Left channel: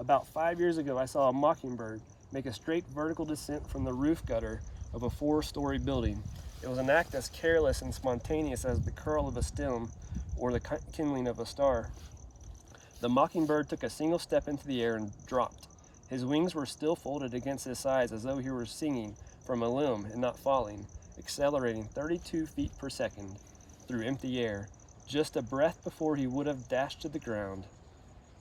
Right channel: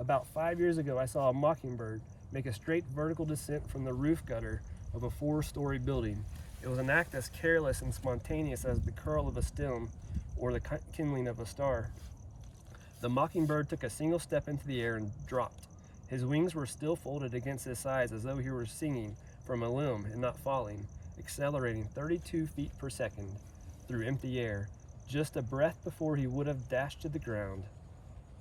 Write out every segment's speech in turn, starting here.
About 5 years ago, I saw a mockingbird make a straight vertical descent from the roof gutter of a 4-story building. It was an act as careless and spontaneous as the curl of a stem or the kindling of a star. The mockingbird took a single step into the air and dropped. His wings were still folded against his sides as though he were singing from a limb and not falling, accelerating 32 feet per second through empty air, just a breath before he would have dashed to the ground.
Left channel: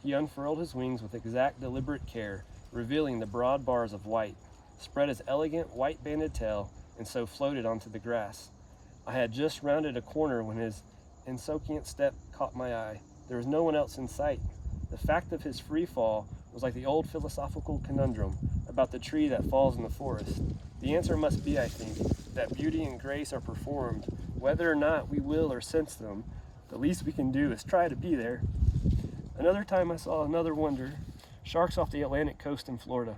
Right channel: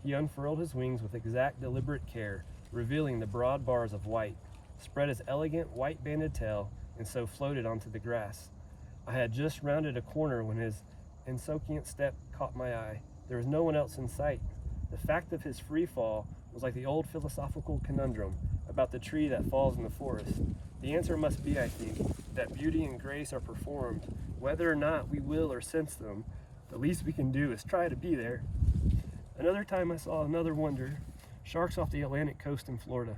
He unfurled his wings with exact, deliberate care, revealing the broad bars of white, spread his elegant white-banded tail, and so floated onto the grass. I had just rounded a corner when his insouciant step caught my eye. There was no one else in sight. The fact of his free fall was like the old philosophical conundrum about the tree that falls in the forest. The answer must be, I think, that beauty and grace are performed. Whether or not we will or sense them, the least we can do is try to be there. Another time I saw another wonder, sharks off the Atlantic coast in Florida.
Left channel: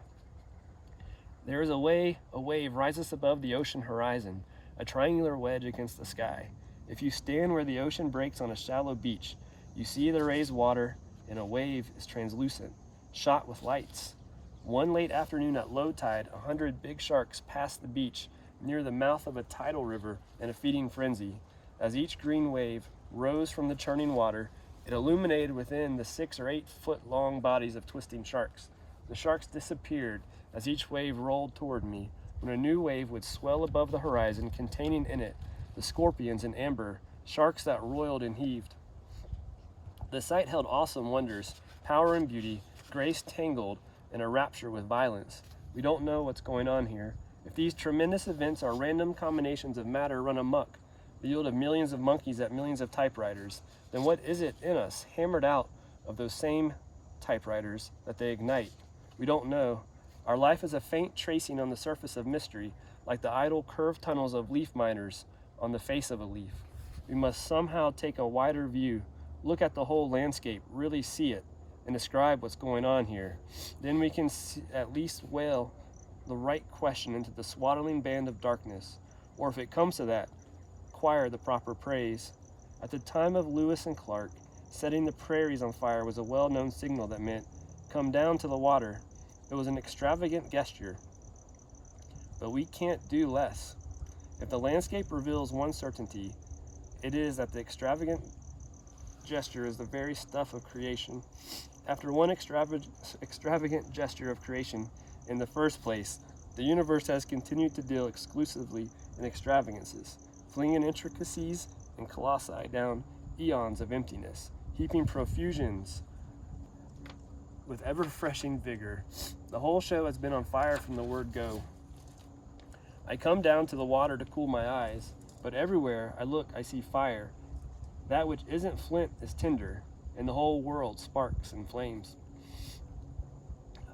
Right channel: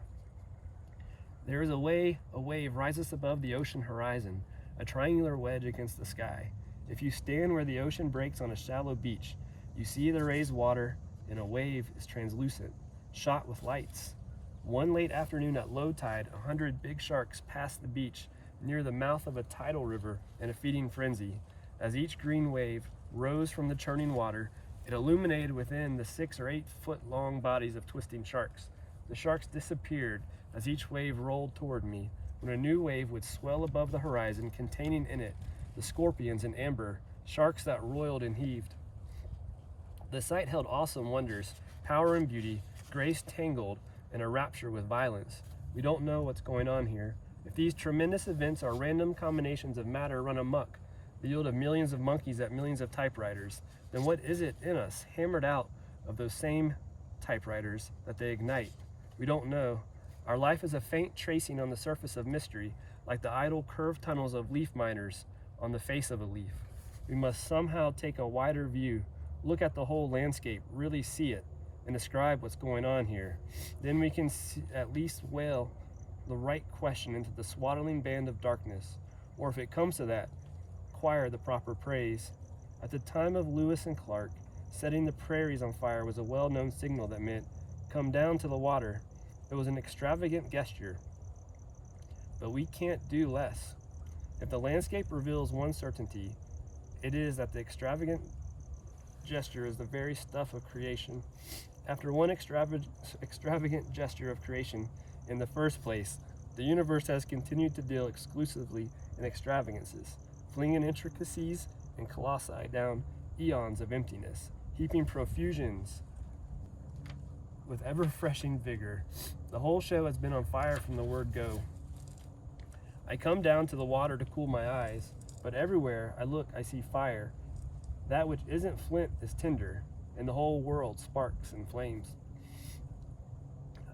There is a wave rises above the ocean horizon, a triangular wedge against the sky. If you stand where the ocean breaks on a shallow beach, you see the raised water, and a wave is translucent, shot with lights. One late afternoon at low tide, 100 big sharks passed the beach near the mouth of a tidal river in a feeding frenzy. As each green wave rose from the churning water, it illuminated within the 6 or 8 foot long bodies of twisting sharks. The sharks disappeared as each wave rolled toward me, when a new wave would swell above the horizon, containing in it the scorpions in amber, sharks that roiled and heaved. The sight held awesome wonders, power and beauty, grace tangled in a rapture with violence. We don't know what's going on here. If these tremendous events are random combinations of matter run amok, the yield of millions of monkeys at millions of typewriters, then what is it in us, hammered out of those same typewriters, that they ignite? We don't know. Our life is a faint tracing on the surface of mystery, like the idle curved tunnels of leaf miners on the face of a leaf. We must somehow take a wider view, look at the whole landscape, really see it, and describe what's going on here. Then we can at least wail the right question into the swaddling band of darkness, or if it comes to that, acquire the proper praise. At the time of Lewis and Clark, setting the prairies on fire was a well-known signal that meant, "Come down to the water." It was an extravagant gesture, but we can't do less. If the landscape reveals one certainty, it is that the extravagant gesture is the very stuff of creation. After one extravagant gesture of creation in the first place, the universe has continued to deal exclusively in extravagances, flinging intricacies and colossi down eons of emptiness, heaping profusions with ever-refreshing vigor. The whole show has been on fire from the word go. I come down to the water to cool my eyes, but everywhere I look I see fire. That which isn't flint is tinder, and the whole world sparks and flames.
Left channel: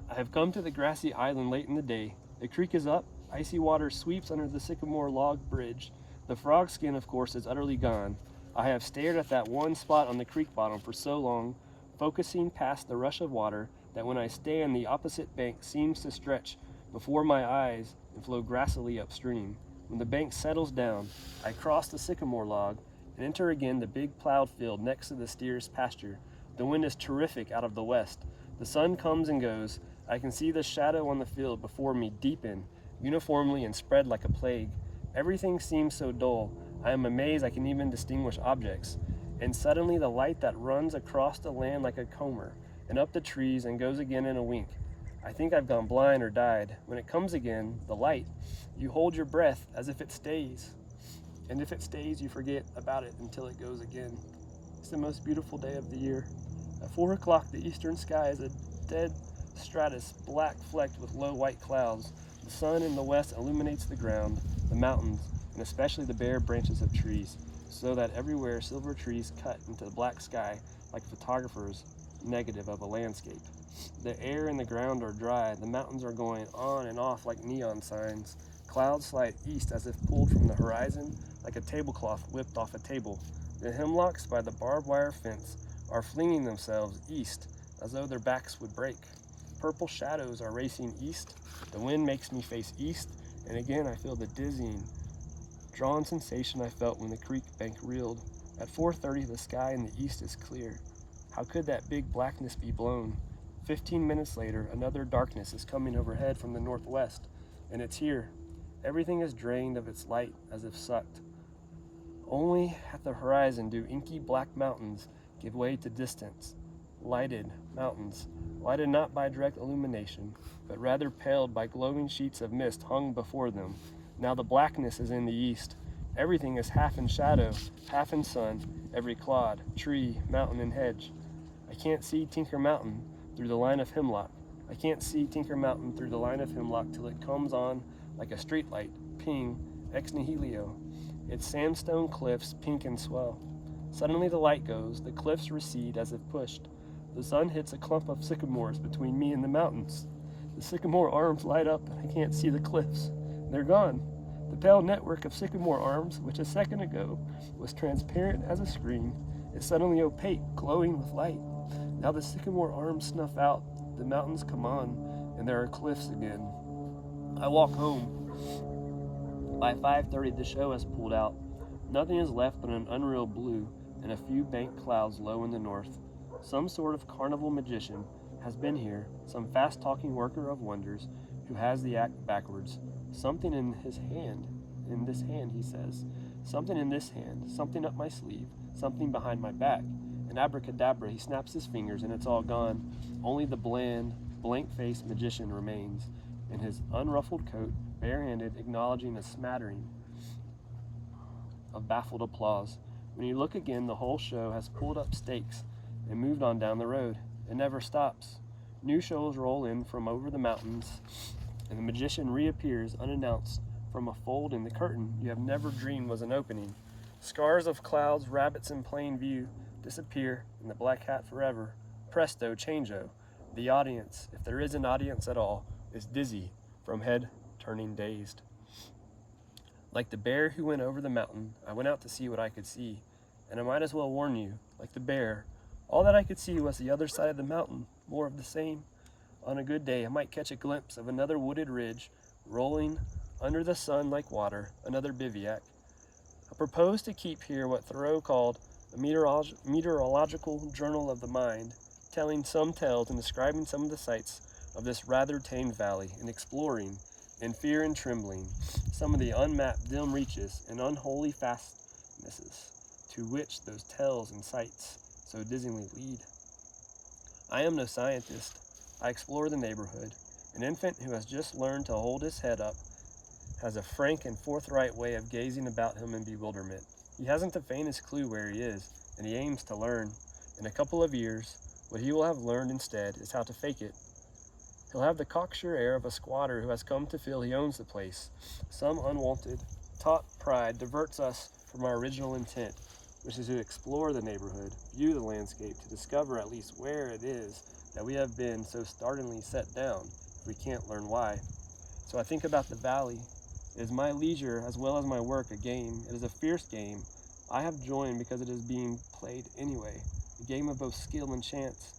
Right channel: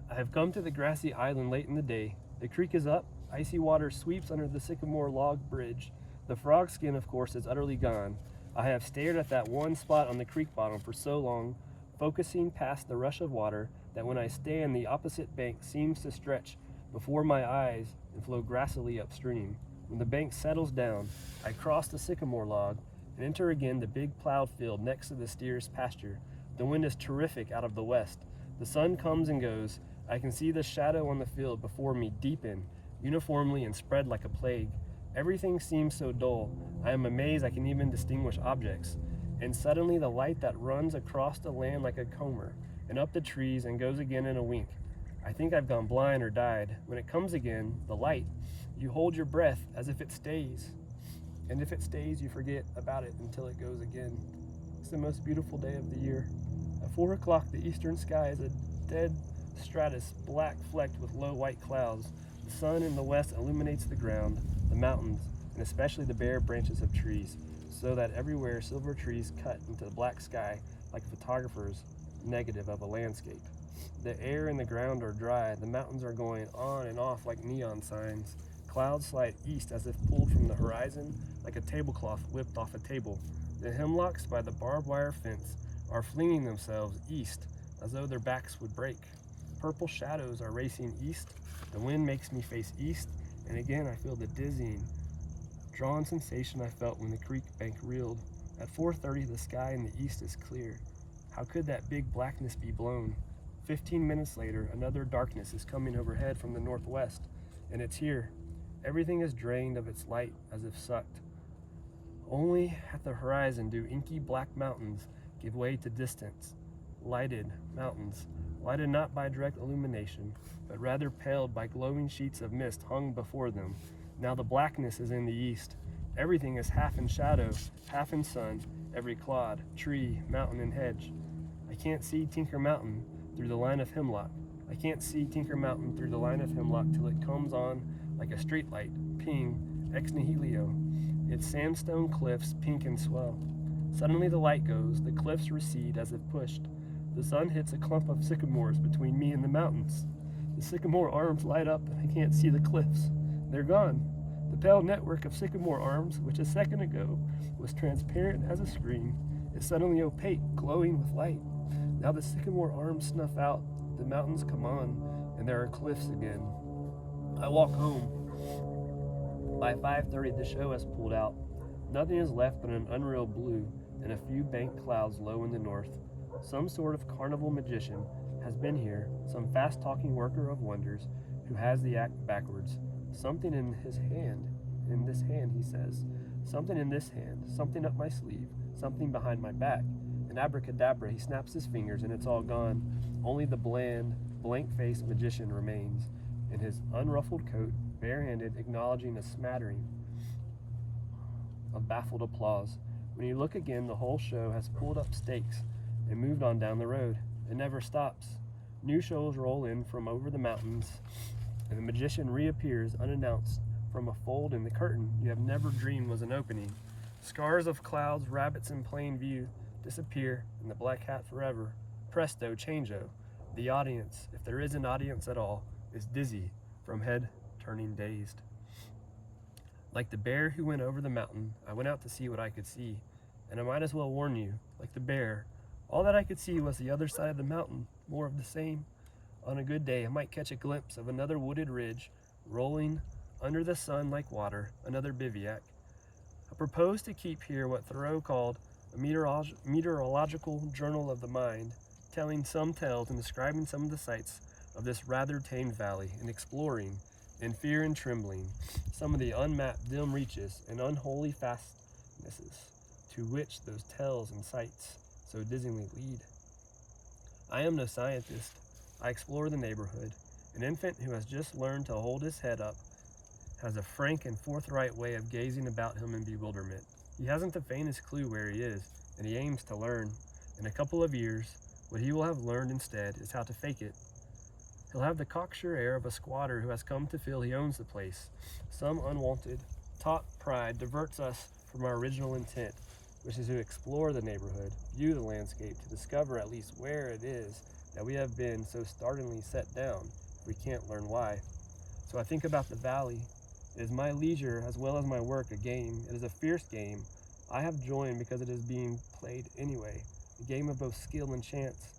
I have come to the grassy island late in the day. The creek is up, icy water sweeps under the sycamore log bridge. The frog skin, of course, is utterly gone. I have stared at that one spot on the creek bottom for so long, focusing past the rush of water, that when I stand, the opposite bank seems to stretch before my eyes and flow grassily upstream. When the bank settles down, I cross the sycamore log and enter again the big plowed field next to the steer's pasture. The wind is terrific out of the west. The sun comes and goes. I can see the shadow on the field before me deepen uniformly and spread like a plague. Everything seems so dull. I am amazed I can even distinguish objects. And suddenly the light that runs across the land like a comber and up the trees and goes again in a wink. I think I've gone blind or died. When it comes again, the light, you hold your breath as if it stays. And if it stays, you forget about it until it goes again. It's the most beautiful day of the year. At 4 o'clock, the eastern sky is a dead stratus, black flecked with low white clouds. The sun in the west illuminates the ground, the mountains, and especially the bare branches of trees, so that everywhere silver trees cut into the black sky like a photographer's negative of a landscape. The air and the ground are dry. The mountains are going on and off like neon signs. Clouds slide east as if pulled from the horizon, like a tablecloth whipped off a table. The hemlocks by the barbed wire fence are flinging themselves east as though their backs would break. Purple shadows are racing east. The wind makes me face east, and again I feel the dizzying, drawn sensation I felt when the creek bank reeled. At 4:30, the sky in the east is clear. How could that big blackness be blown? 15 minutes later, another darkness is coming overhead from the northwest, and it's here. Everything is drained of its light as if sucked. Only at the horizon do inky black mountains give way to distance. Lighted mountains, lighted not by direct illumination, but rather paled by glowing sheets of mist hung before them. Now the blackness is in the east. Everything is half in shadow, half in sun, every clod, tree, mountain, and hedge. I can't see Tinker Mountain through the line of hemlock. I can't see Tinker Mountain through the line of hemlock till it comes on like a streetlight, ping, ex nihilo. Its sandstone cliffs pink and swell. Suddenly the light goes, the cliffs recede as if pushed. The sun hits a clump of sycamores between me and the mountains. The sycamore arms light up, and I can't see the cliffs. They're gone. The pale network of sycamore arms, which a second ago was transparent as a screen, is suddenly opaque, glowing with light. Now the sycamore arms snuff out, the mountains come on, and there are cliffs again. I walk home. By 5:30 the show has pulled out. Nothing is left but an unreal blue and a few banked clouds low in the north. Some sort of carnival magician has been here, some fast-talking worker of wonders who has the act backwards. Something in this hand, he says. Something in this hand, something up my sleeve, something behind my back. And abracadabra, he snaps his fingers and it's all gone. Only the bland, blank-faced magician remains, in his unruffled coat, barehanded, acknowledging a smattering of baffled applause. When you look again, the whole show has pulled up stakes and moved on down the road. It never stops. New shows roll in from over the mountains, and the magician reappears unannounced from a fold in the curtain you have never dreamed was an opening. Scars of clouds, rabbits in plain view, disappear in the black hat forever. Presto, changeo. The audience, if there is an audience at all, is dizzy from head turning dazed. Like the bear who went over the mountain, I went out to see what I could see, and I might as well warn you, like the bear, all that I could see was the other side of the mountain, more of the same. On a good day, I might catch a glimpse of another wooded ridge, rolling under the sun like water, another bivouac. I propose to keep here what Thoreau called a meteorological journal of the mind, telling some tales and describing some of the sights of this rather tame valley, and exploring, in fear and trembling, some of the unmapped dim reaches and unholy fastnesses to which those tales and sights so dizzyingly lead. I am no scientist. I explore the neighborhood. An infant who has just learned to hold his head up has a frank and forthright way of gazing about him in bewilderment. He hasn't the faintest clue where he is, and he aims to learn. In a couple of years, what he will have learned instead is how to fake it. He'll have the cocksure air of a squatter who has come to feel he owns the place. Some unwanted, taught pride diverts us from our original intent, which is to explore the neighborhood, view the landscape, to discover at least where it is that we have been so startlingly set down, if we can't learn why. So I think about the valley. It is my leisure as well as my work a game. It is a fierce game. I have joined because it is being played anyway, a game of both skill and chance.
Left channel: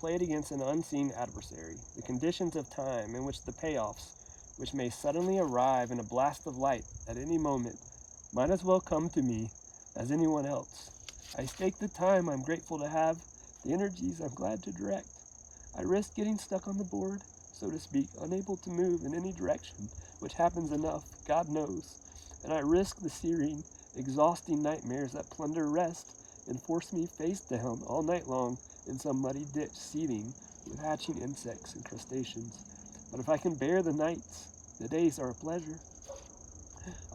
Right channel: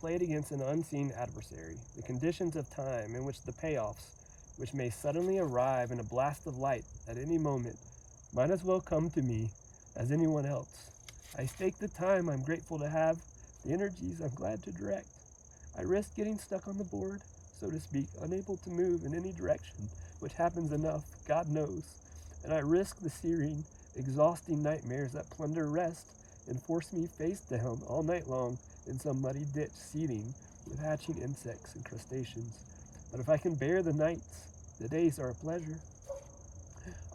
Played against an unseen adversary, the conditions of time in which the payoffs, which may suddenly arrive in a blast of light at any moment, might as well come to me as anyone else. I stake the time I'm grateful to have, the energies I'm glad to direct. I risk getting stuck on the board, so to speak, unable to move in any direction, which happens enough, God knows. And I risk the searing, exhausting nightmares that plunder rest and force me face down all night long in some muddy ditch seething with hatching insects and crustaceans. But if I can bear the nights, the days are a pleasure.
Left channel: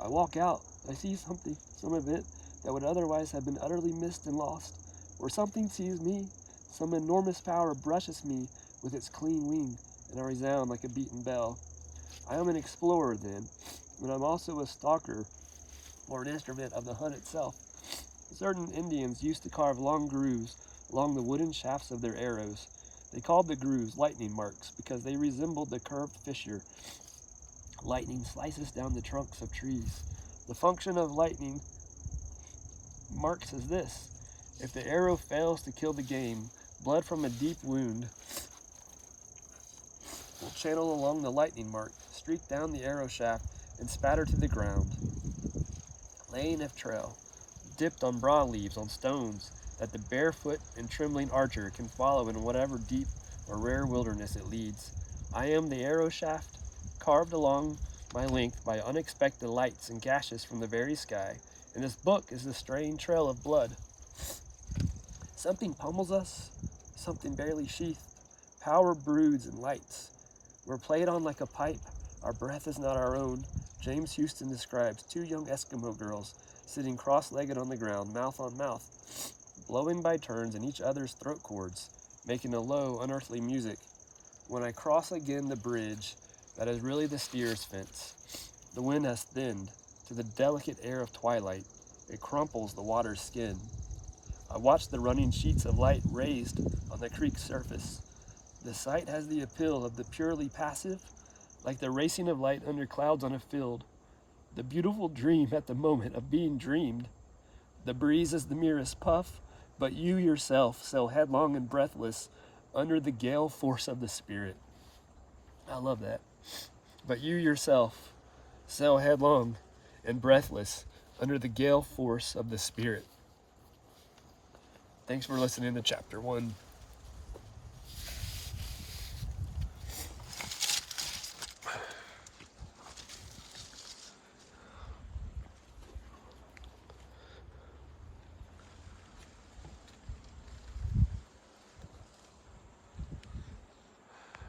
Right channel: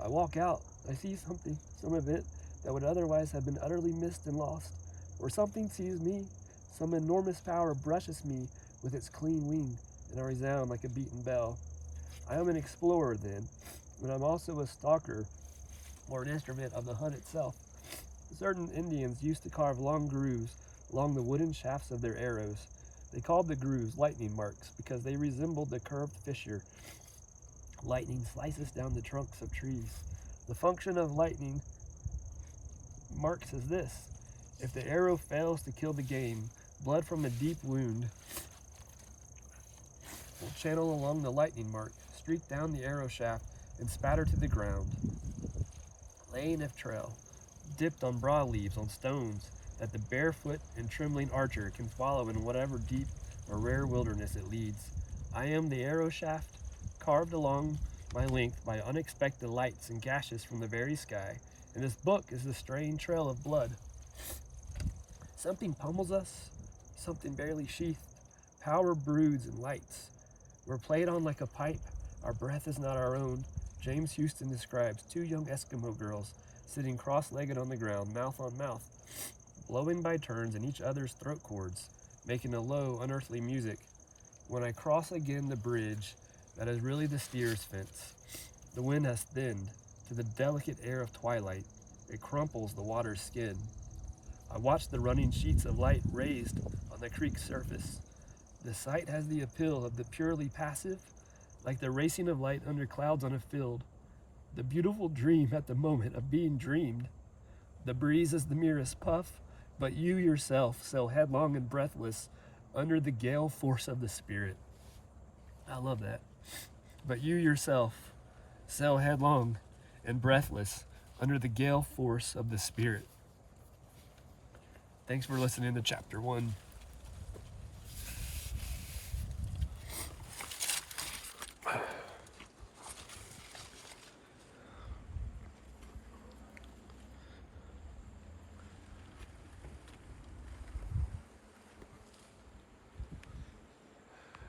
I walk out, I see something, some of it, that would otherwise have been utterly missed and lost, or something sees me, some enormous power brushes me with its clean wing, and I resound like a beaten bell. I am an explorer then, but I'm also a stalker, or an instrument of the hunt itself. Certain Indians used to carve long grooves along the wooden shafts of their arrows. They called the grooves lightning marks because they resembled the curved fissure lightning slices down the trunks of trees. The function of lightning marks is this: if the arrow fails to kill the game, blood from a deep wound will channel along the lightning mark, streak down the arrow shaft, and spatter to the ground, laying a trail, dipped on broadleaves on stones, that the barefoot and trembling archer can follow in whatever deep a rare wilderness it leads. I am the arrow shaft, carved along my length by unexpected lights and gashes from the very sky, and this book is the straying trail of blood. Something pummels us, something barely sheathed. Power broods and lights. We're played on like a pipe. Our breath is not our own. James Houston describes two young Eskimo girls sitting cross-legged on the ground, mouth on mouth, blowing by turns in each other's throat cords, making a low, unearthly music. When I cross again the bridge that is really the steer's fence, the wind has thinned to the delicate air of twilight. It crumples the water's skin. I watch the running sheets of light raised on the creek's surface. The sight has the appeal of the purely passive, like the racing of light under clouds on a field. The beautiful dream at the moment of being dreamed. The breeze is the merest puff, but you yourself sail headlong and breathless under the gale force of the spirit. I love that. But you yourself sail headlong and breathless under the gale force of the spirit. Thanks for listening to chapter 1.